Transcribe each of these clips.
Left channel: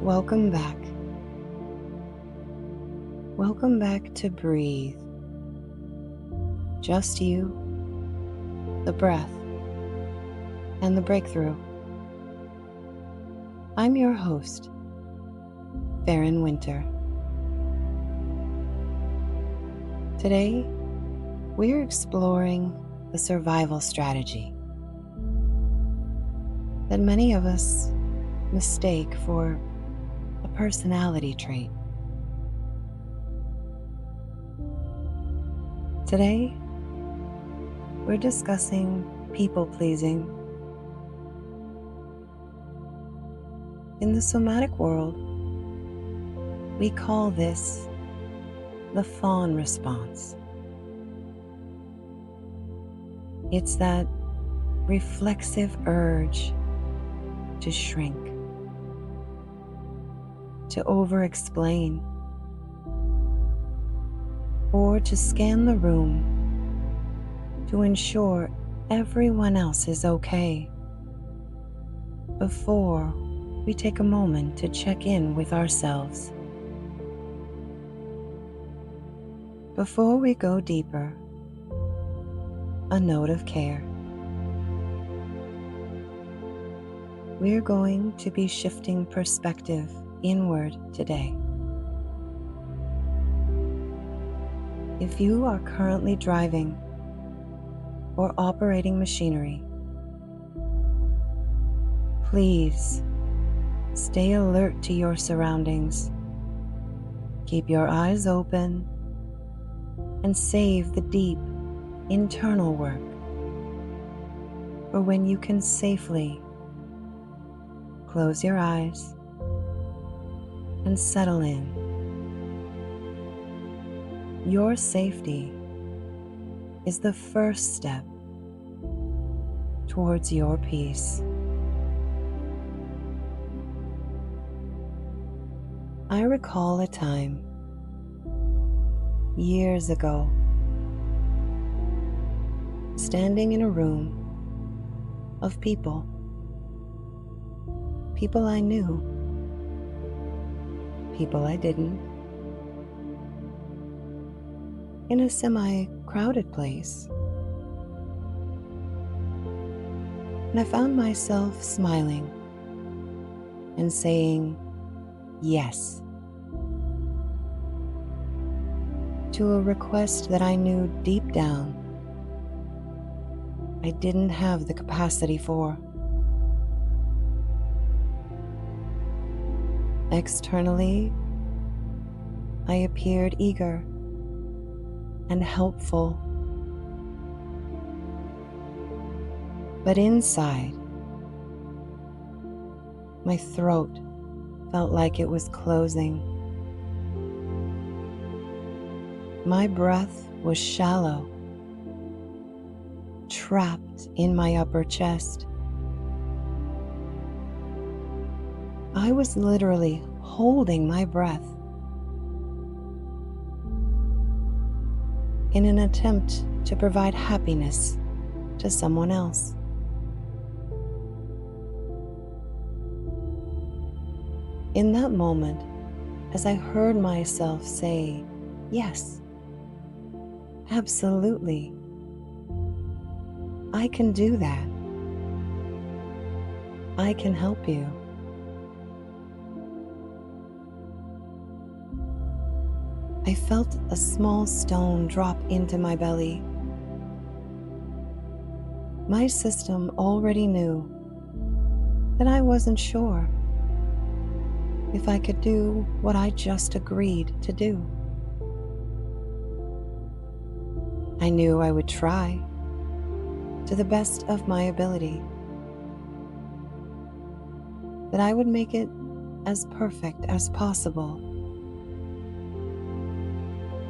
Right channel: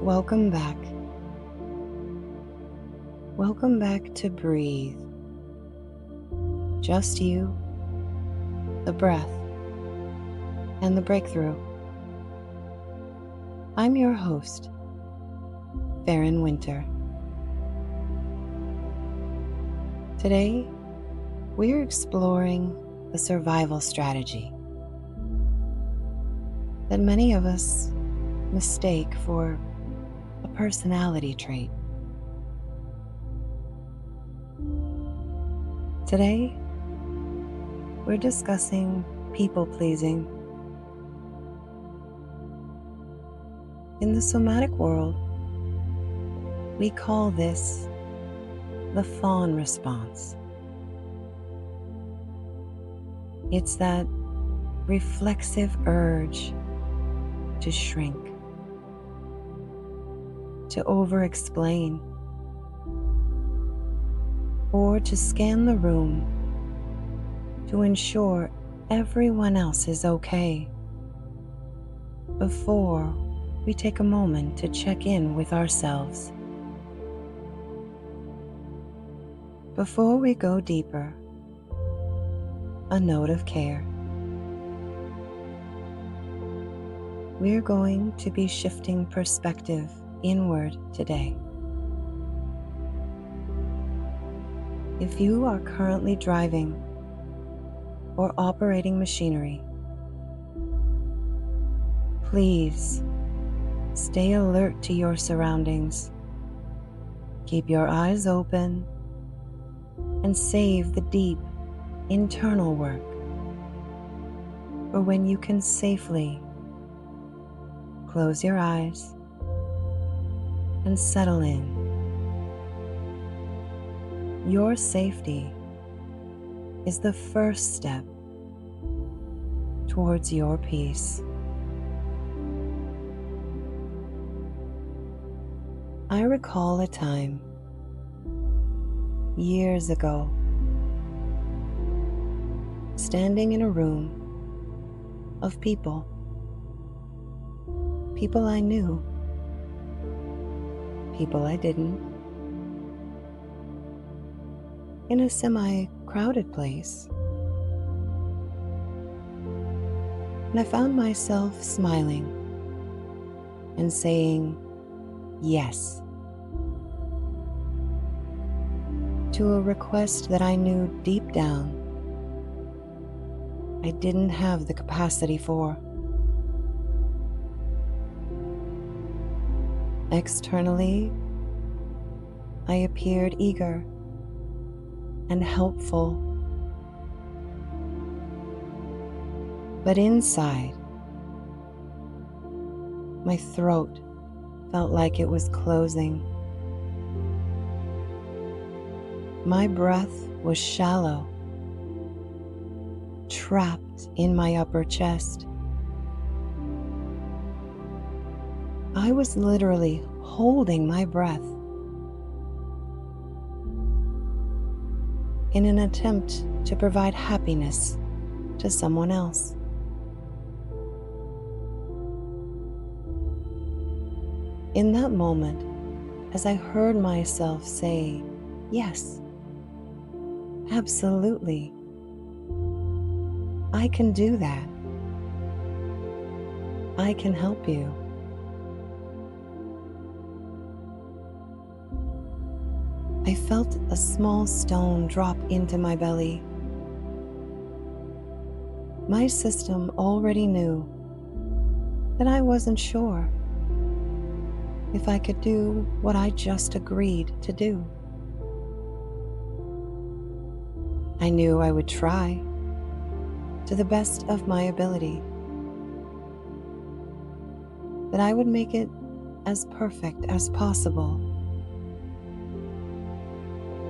Welcome back. Welcome back to breathe. Just you, the breath, and the breakthrough. I'm your host, Ferryn Wynter. Today, we're exploring the survival strategy that many of us mistake for a personality trait. Today, we're discussing people-pleasing. In the somatic world, we call this the Fawn response. It's that reflexive urge to shrink, to over-explain, or to scan the room to ensure everyone else is okay before we take a moment to check in with ourselves. Before we go deeper, a note of care. We're going to be shifting perspective inward today. If you are currently driving or operating machinery, please stay alert to your surroundings. Keep your eyes open and save the deep internal work for when you can safely close your eyes and settle in. Your safety is the first step towards your peace. I recall a time years ago, standing in a room of people I knew, people I didn't, in a semi-crowded place. And I found myself smiling and saying yes to a request that I knew deep down I didn't have the capacity for. Externally, I appeared eager and helpful, but inside, my throat felt like it was closing. My breath was shallow, trapped in my upper chest. I was literally holding my breath in an attempt to provide happiness to someone else. In that moment, as I heard myself say, yes, absolutely, I can do that. I can help you. I felt a small stone drop into my belly. My system already knew that I wasn't sure if I could do what I just agreed to do. I knew I would try to the best of my ability, that I would make it as perfect as possible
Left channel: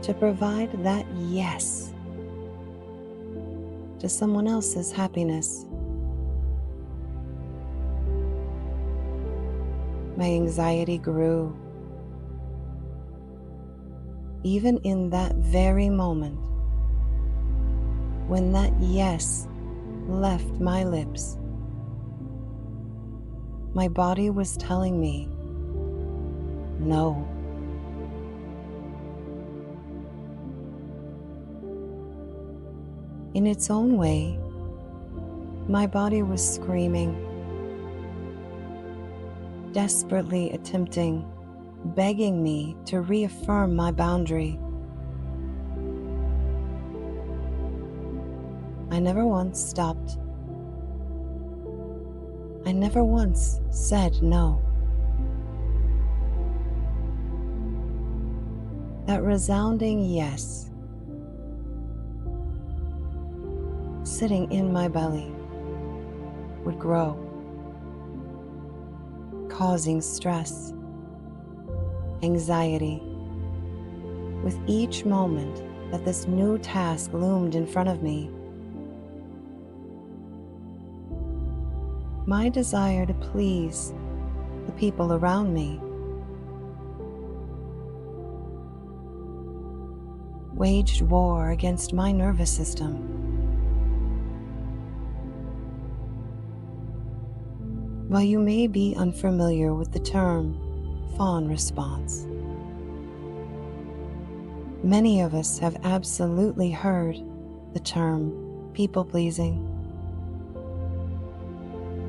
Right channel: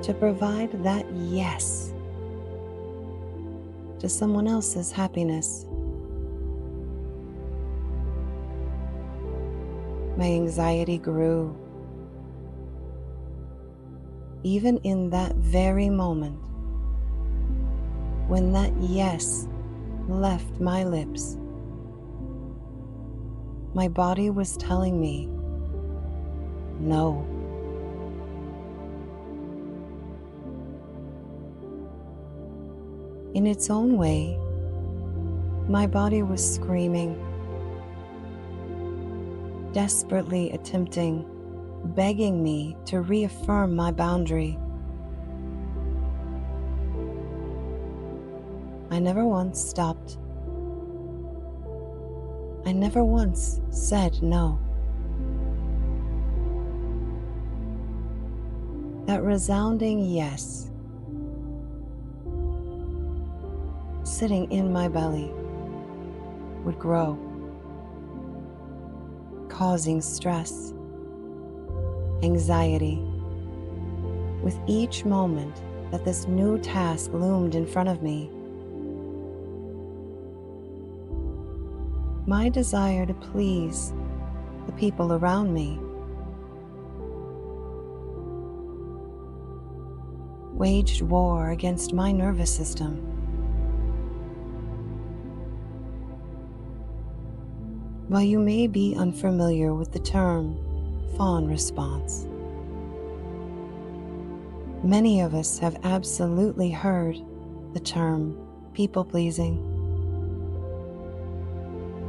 to provide that yes to someone else's happiness. My anxiety grew. Even in that very moment, when that yes left my lips, my body was telling me no. In its own way, my body was screaming, desperately attempting, begging me to reaffirm my boundary. I never once stopped. I never once said no. That resounding yes, sitting in my belly, would grow, causing stress, anxiety, with each moment that this new task loomed in front of me. My desire to please the people around me waged war against my nervous system. While you may be unfamiliar with the term Fawn response, many of us have absolutely heard the term people-pleasing,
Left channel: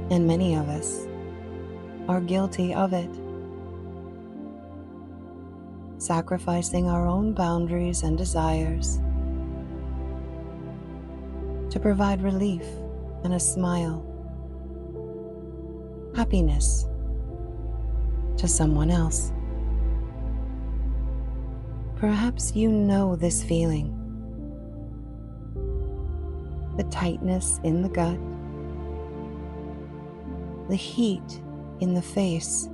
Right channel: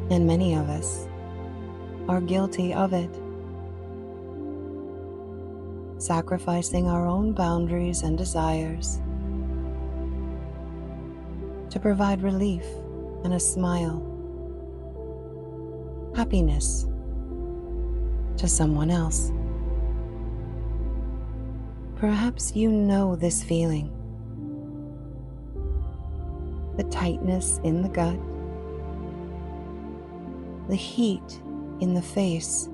and many of us are guilty of it, sacrificing our own boundaries and desires to provide relief and a smile, happiness to someone else. Perhaps you know this feeling, the tightness in the gut, the heat in the face,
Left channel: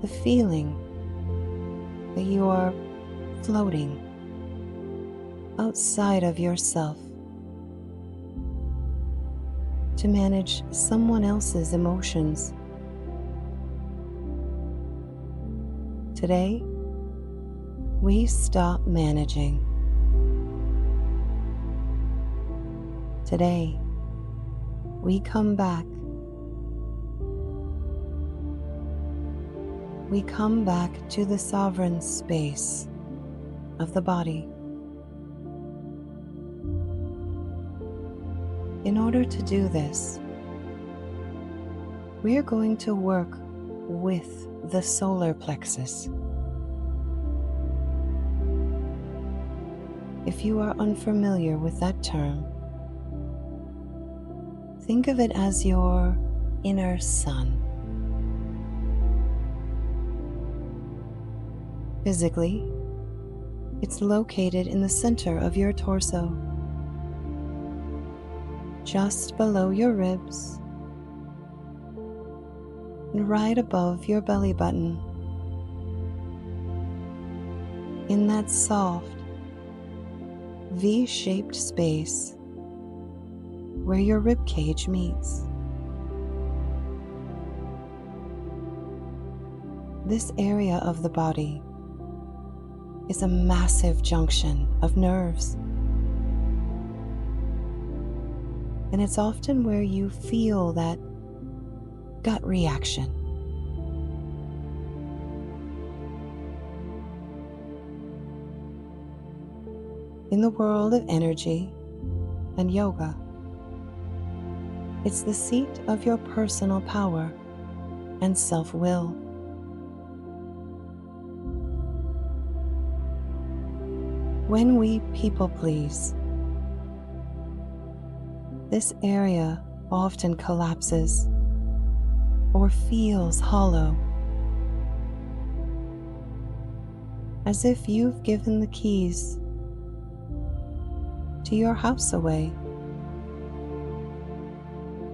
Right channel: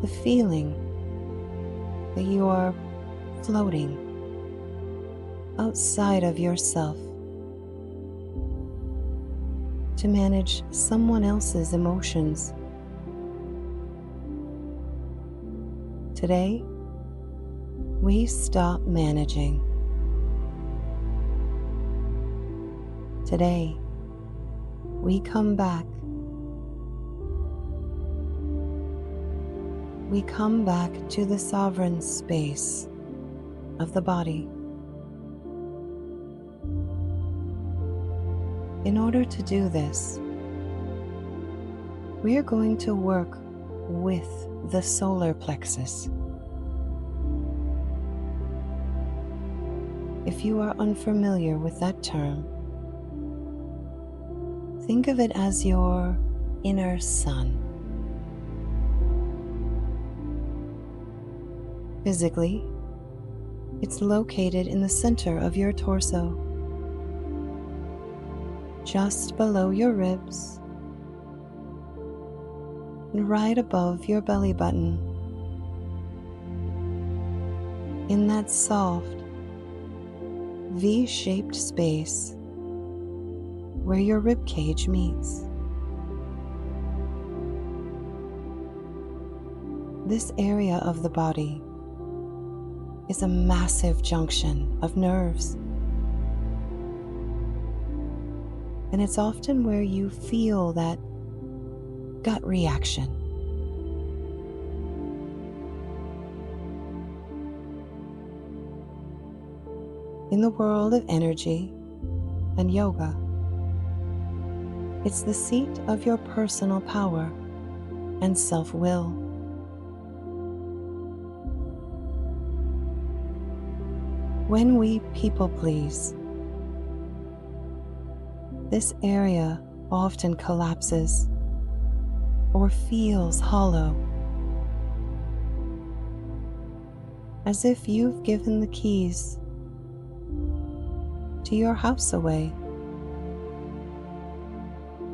the feeling that you are floating outside of yourself to manage someone else's emotions. Today, we stop managing. Today, we come back. We come back to the sovereign space of the body. In order to do this, we are going to work with the solar plexus. If you are unfamiliar with that term, think of it as your inner sun. Physically, it's located in the center of your torso, just below your ribs and right above your belly button, in that soft, V-shaped space where your rib cage meets. This area of the body is a massive junction of nerves, and it's often where you feel that gut reaction. In the world of energy and yoga, it's the seat of your personal power and self-will. When we people please, this area often collapses or feels hollow, as if you've given the keys to your house away,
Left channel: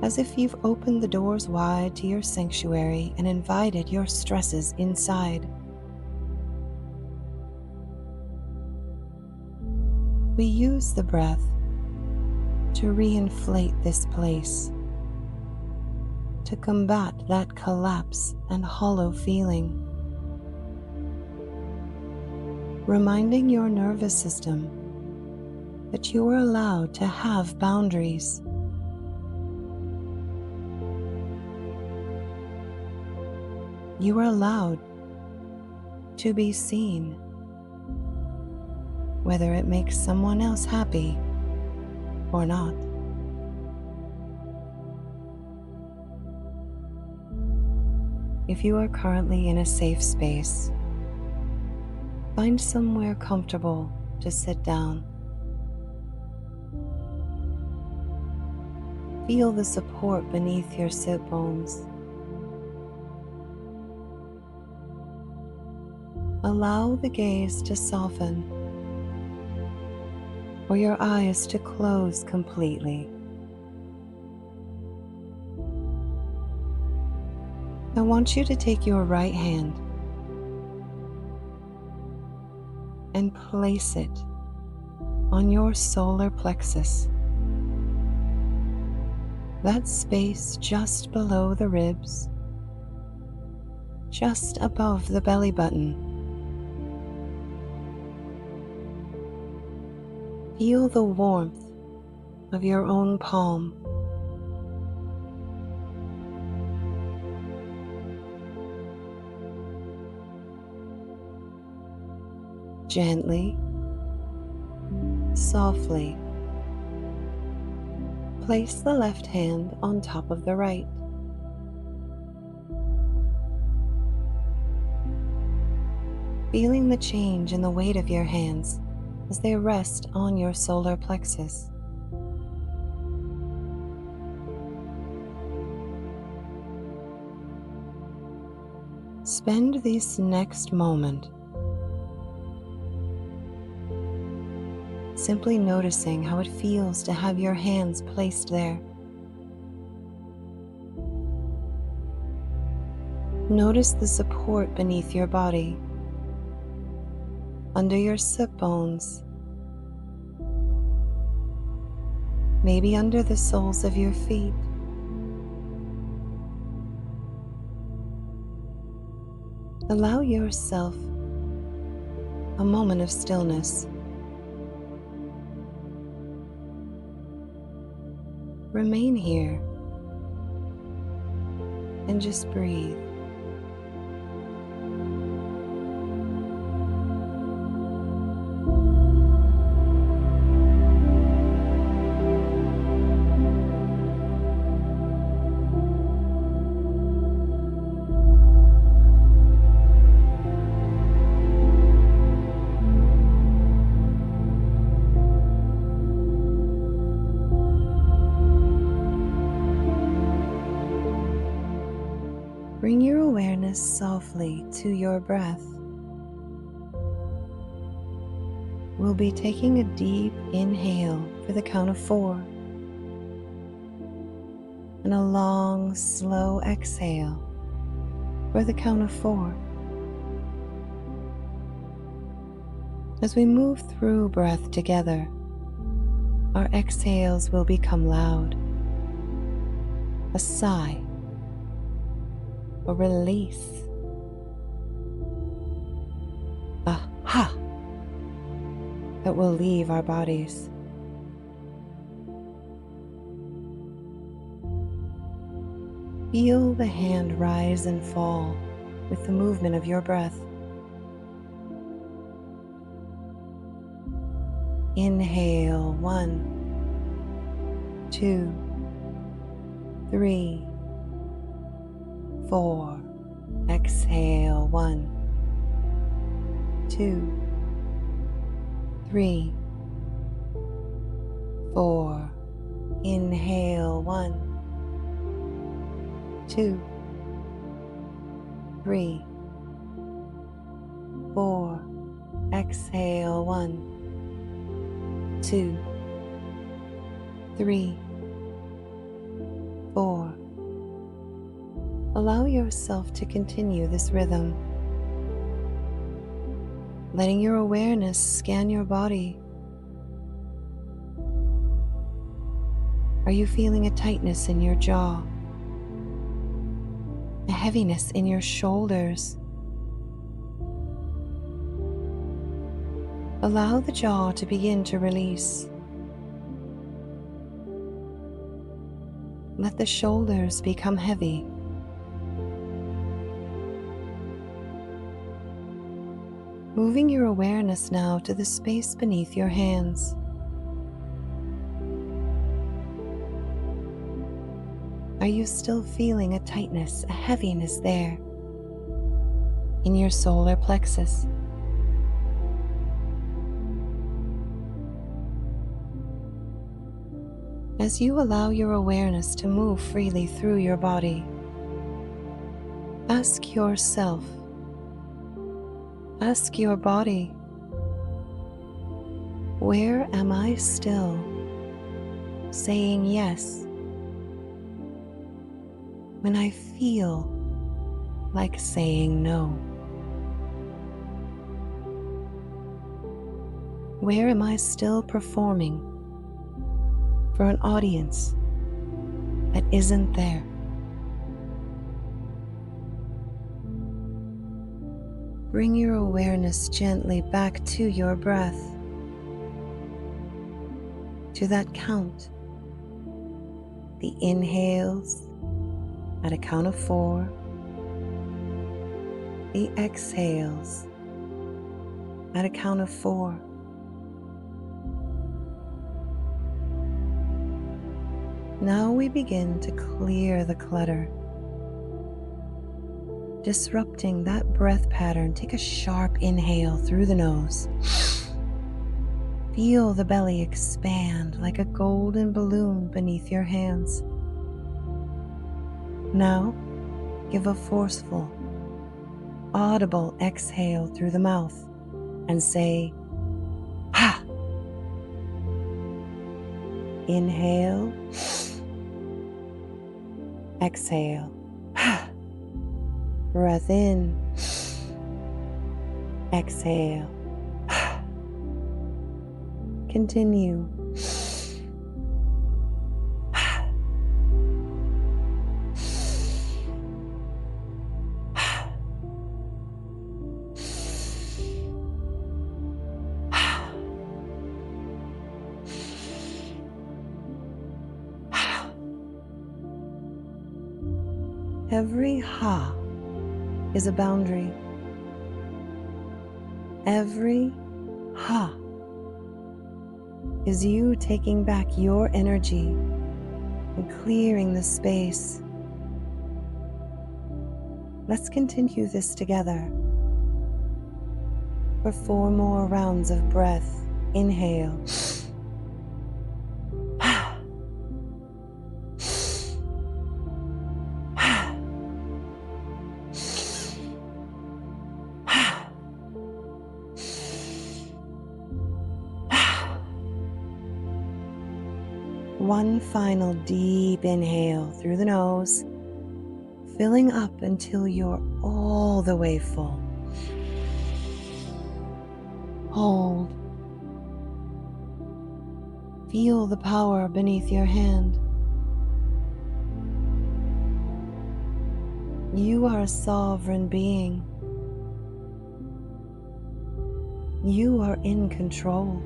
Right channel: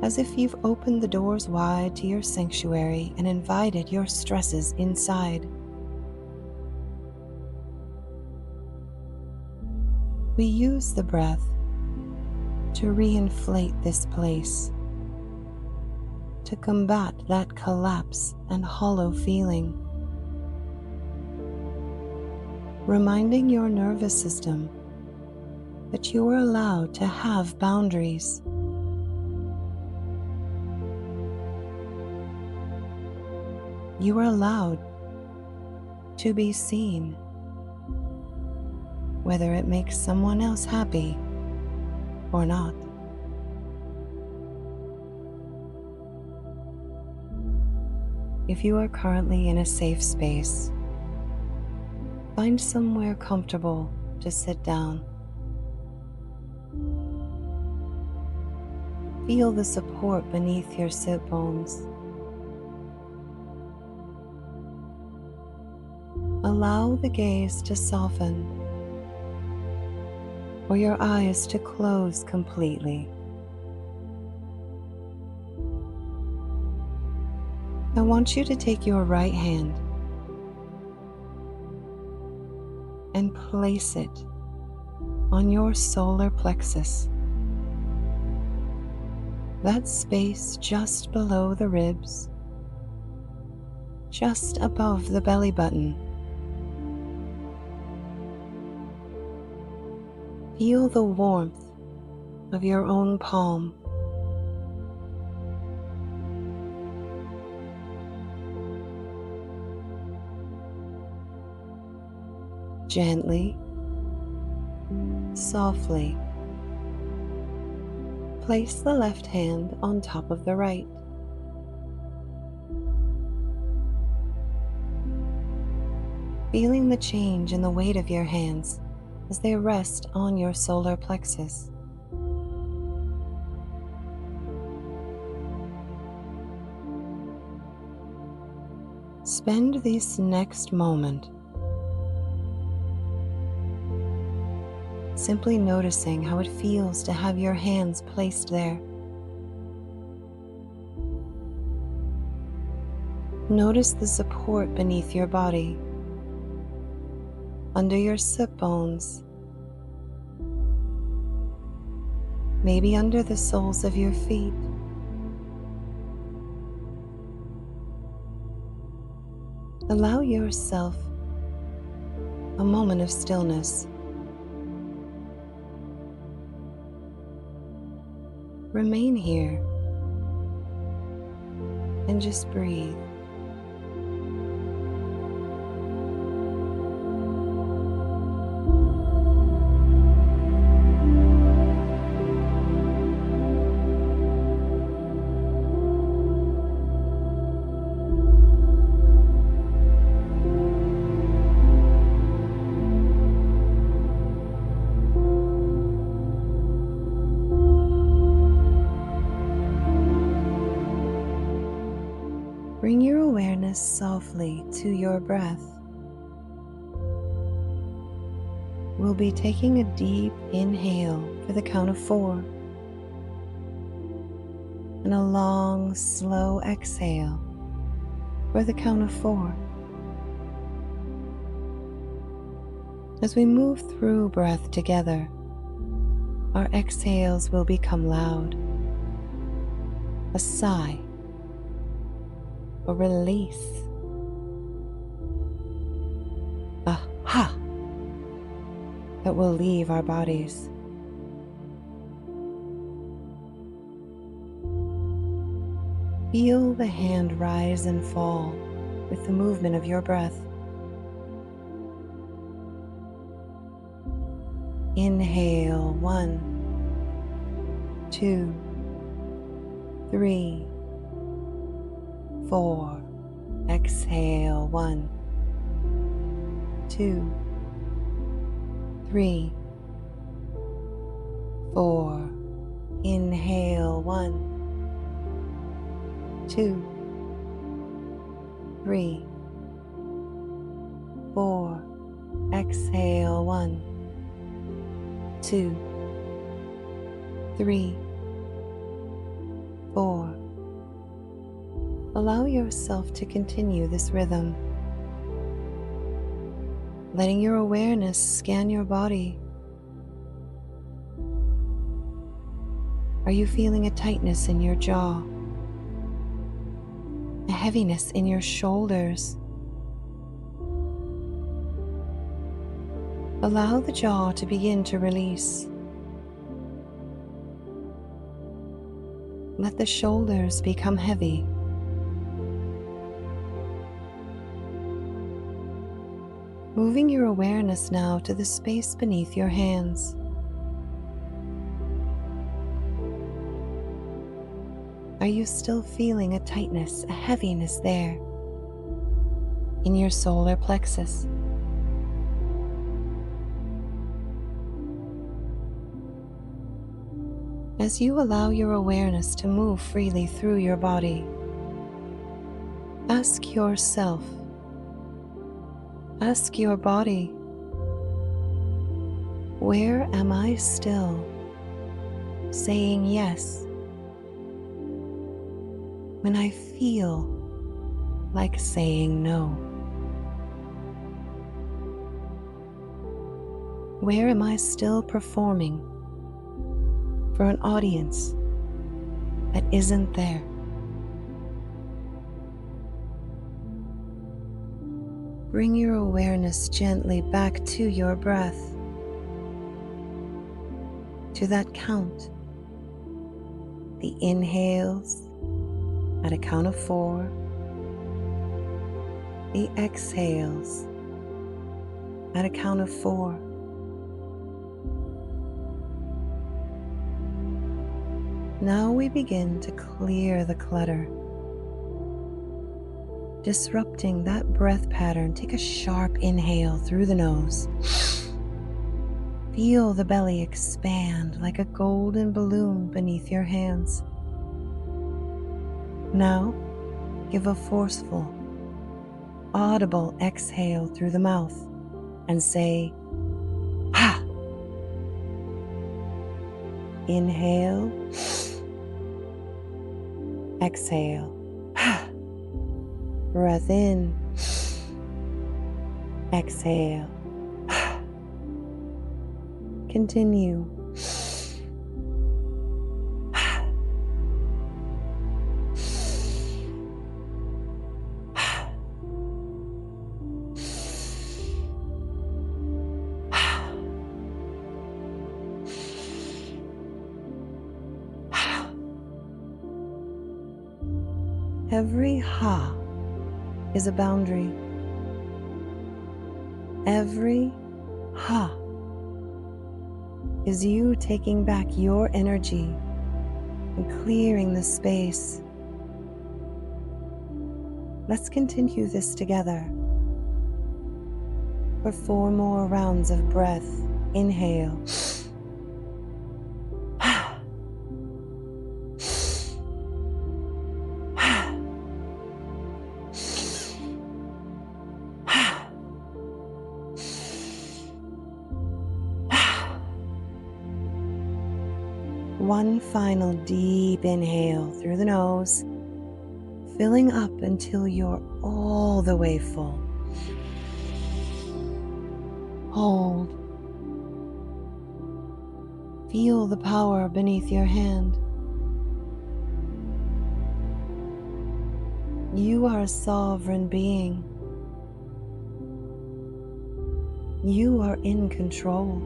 as if you've opened the doors wide to your sanctuary and invited your stresses inside. We use the breath to reinflate this place, to combat that collapse and hollow feeling, reminding your nervous system that you are allowed to have boundaries. You are allowed to be seen, whether it makes someone else happy or not. If you are currently in a safe space, find somewhere comfortable to sit down. Feel the support beneath your sit bones. Allow the gaze to soften or your eyes to close completely. I want you to take your right hand and place it on your solar plexus, that space just below the ribs, just above the belly button. Feel the warmth of your own palm. Gently, softly, place the left hand on top of the right. Feeling the change in the weight of your hands as they rest on your solar plexus. Spend this next moment simply noticing how it feels to have your hands placed there. Notice the support beneath your body, under your sit bones, maybe under the soles of your feet. Allow yourself a moment of stillness. Remain here and just breathe. Bring your awareness softly to your breath. We'll be taking a deep inhale for the count of 4 and a long, slow exhale for the count of 4. As we move through breath together, our exhales will become loud, a sigh, a release, a ha that will leave our bodies. Feel the hand rise and fall with the movement of your breath. Inhale, 1, 2, 3, 4. Exhale, 1, 2, 3, 4. Inhale, 1, 2, 3, 4. Exhale, 1, 2, 3, 4. Allow yourself to continue this rhythm, letting your awareness scan your body. Are you feeling a tightness in your jaw? A heaviness in your shoulders? Allow the jaw to begin to release. Let the shoulders become heavy. Moving your awareness now to the space beneath your hands. Are you still feeling a tightness, a heaviness there in your solar plexus? As you allow your awareness to move freely through your body, ask yourself, ask your body, where am I still saying yes when I feel like saying no? Where am I still performing for an audience that isn't there? Bring your awareness gently back to your breath, to that count. The inhales at a count of 4, the exhales at a count of 4. Now we begin to clear the clutter, disrupting that breath pattern. Take a sharp inhale through the nose. Feel the belly expand like a golden balloon beneath your hands. Now, give a forceful, audible exhale through the mouth and say, ha! Inhale, exhale, ha! Breath in, exhale, ha! Continue. Every ha is a boundary. Every ha is you taking back your energy and clearing the space. Let's continue this together for 4 more rounds of breath. Inhale. One final deep inhale through the nose, filling up until you're all the way full. Hold. Feel the power beneath your hand. You are a sovereign being. You are in control.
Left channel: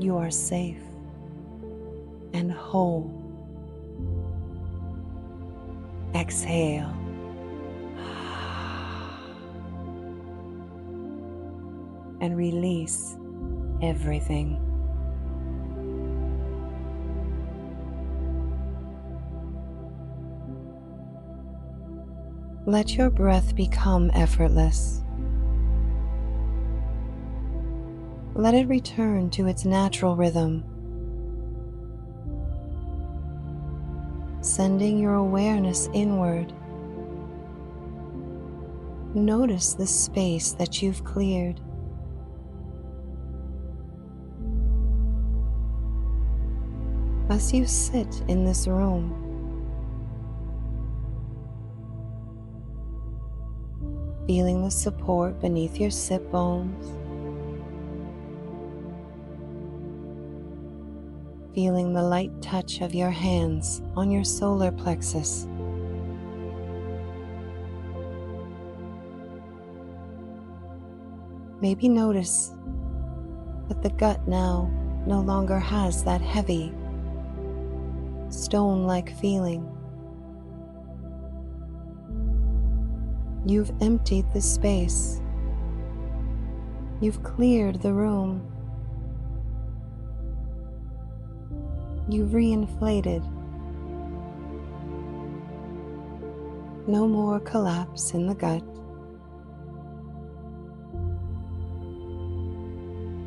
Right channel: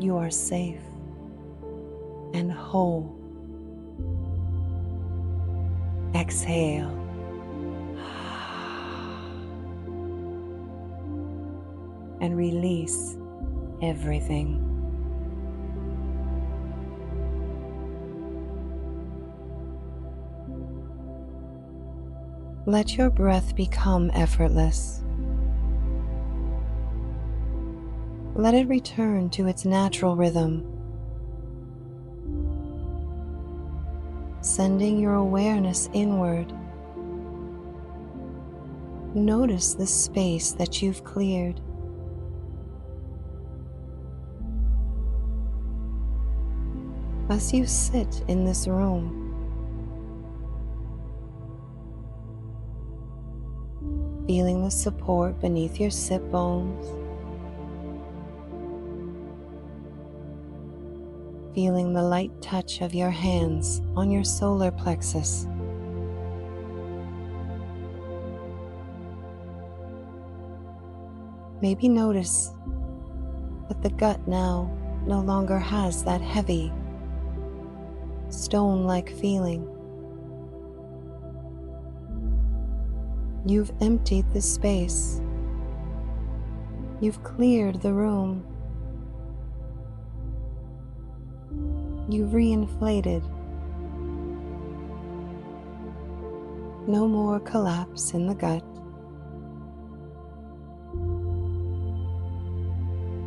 You are safe and whole. Exhale. And release everything. Let your breath become effortless. Let it return to its natural rhythm, sending your awareness inward. Notice the space that you've cleared. As you sit in this room, feeling the support beneath your sit bones, feeling the light touch of your hands on your solar plexus. Maybe notice that the gut now no longer has that heavy, stone-like feeling. You've emptied the space. You've cleared the room. You've reinflated. No more collapse in the gut.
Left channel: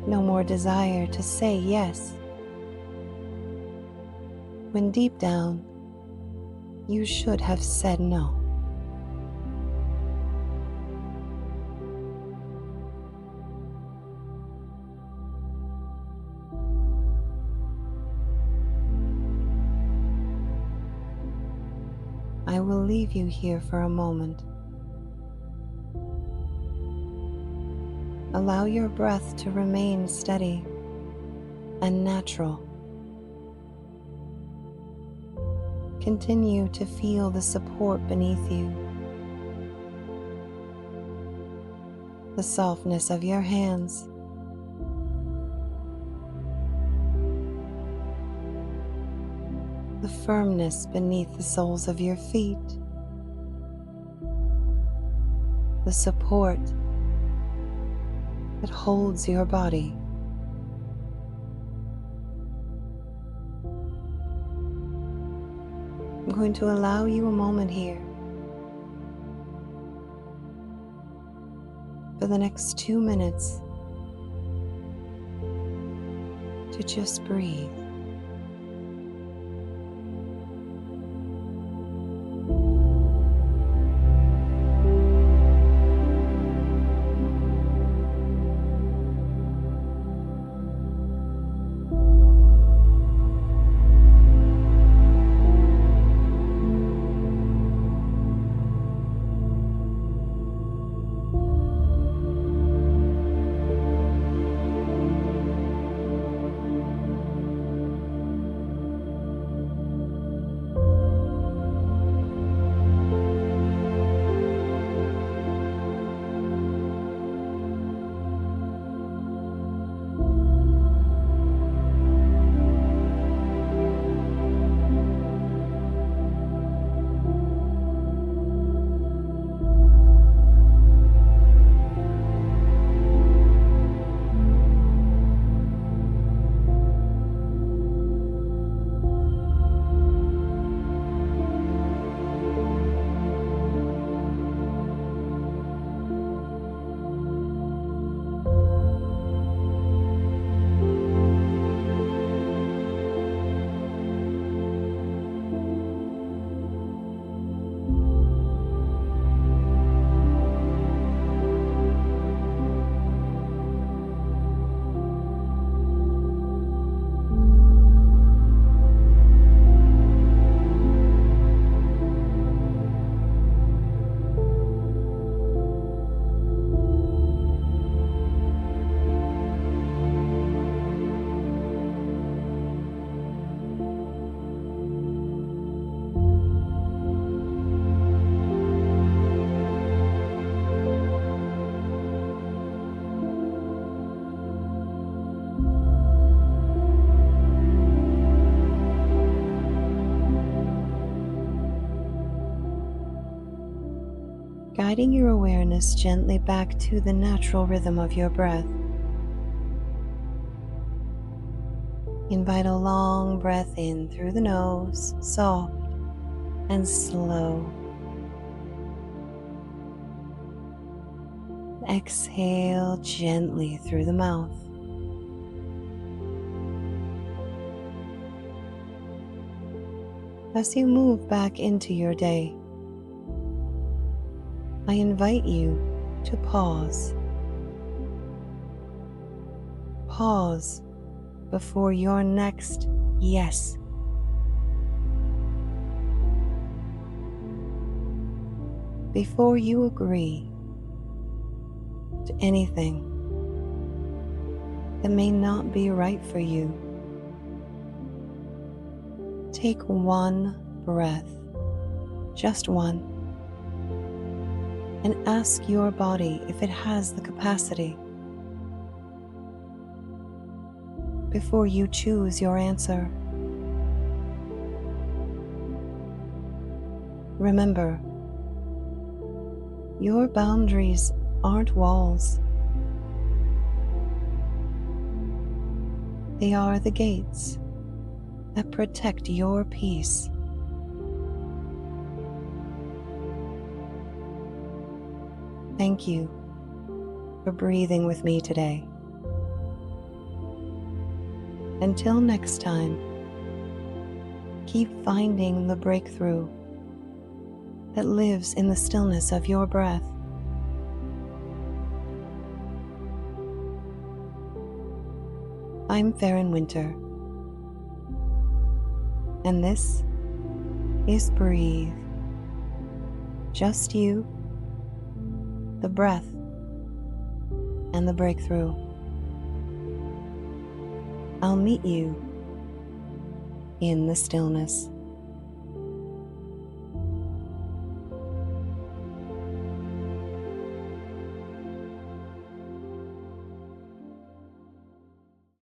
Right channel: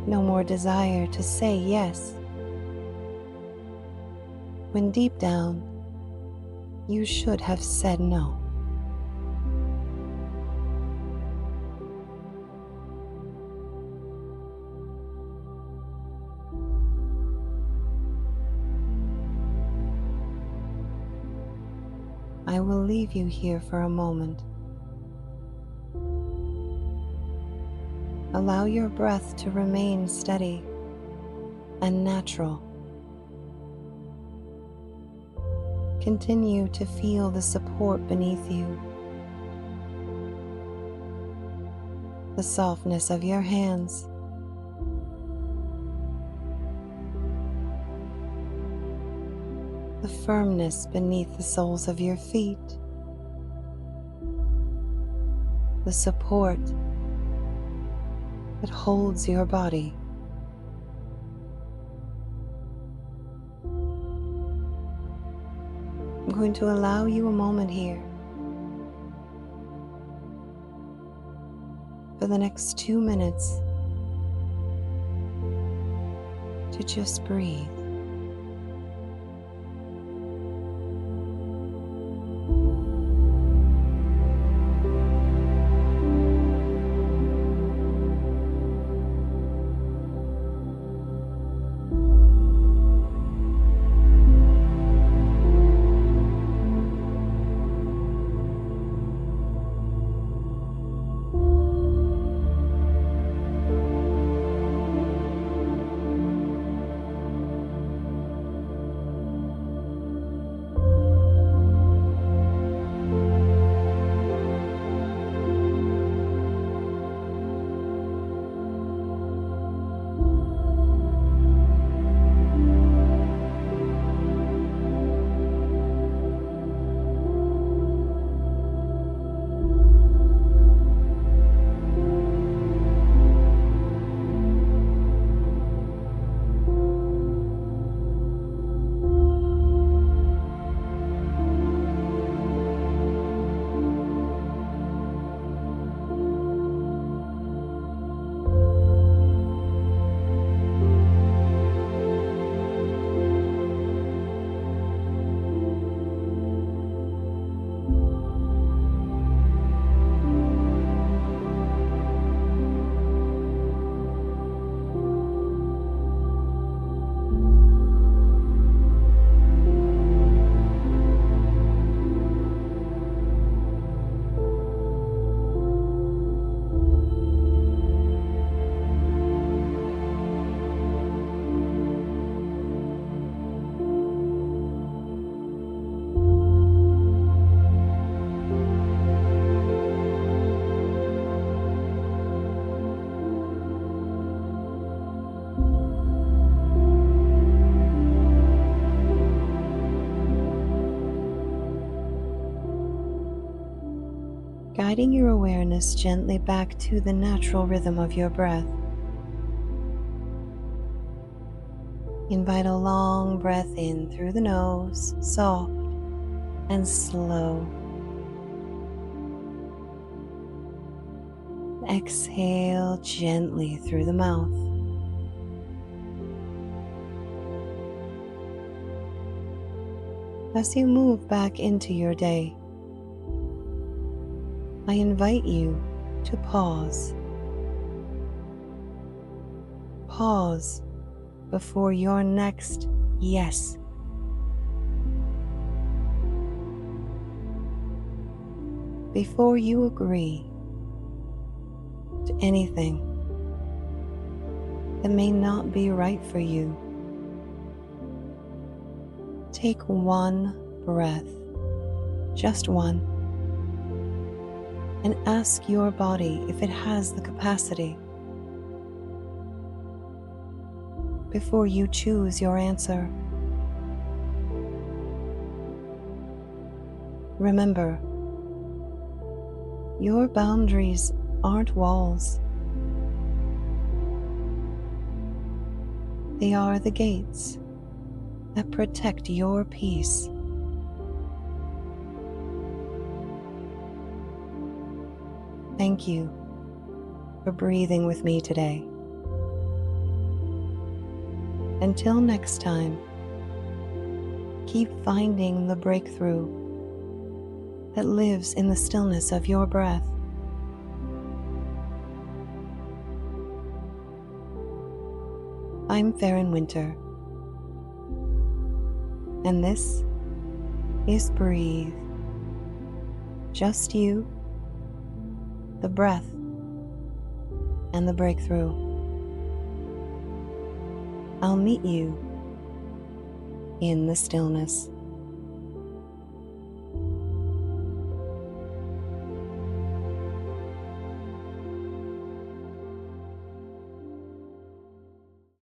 No more desire to say yes, when deep down you should have said no. I will leave you here for a moment. Allow your breath to remain steady and natural. Continue to feel the support beneath you, the softness of your hands, the firmness beneath the soles of your feet, the support that holds your body. I'm going to allow you a moment here for the next 2 minutes to just breathe. Guiding your awareness gently back to the natural rhythm of your breath. Invite a long breath in through the nose, soft and slow. Exhale gently through the mouth. As you move back into your day, I invite you to pause. Pause before your next yes. Before you agree to anything that may not be right for you, take one breath, just one, and ask your body if it has the capacity. Before you choose your answer, remember, Your boundaries aren't walls. They are the gates that protect your peace. Thank you for breathing with me today. Until next time, keep finding the breakthrough that lives in the stillness of your breath. I'm Ferryn Wynter, and this is Breathe. Just you, the breath, and the breakthrough. I'll meet you in the stillness.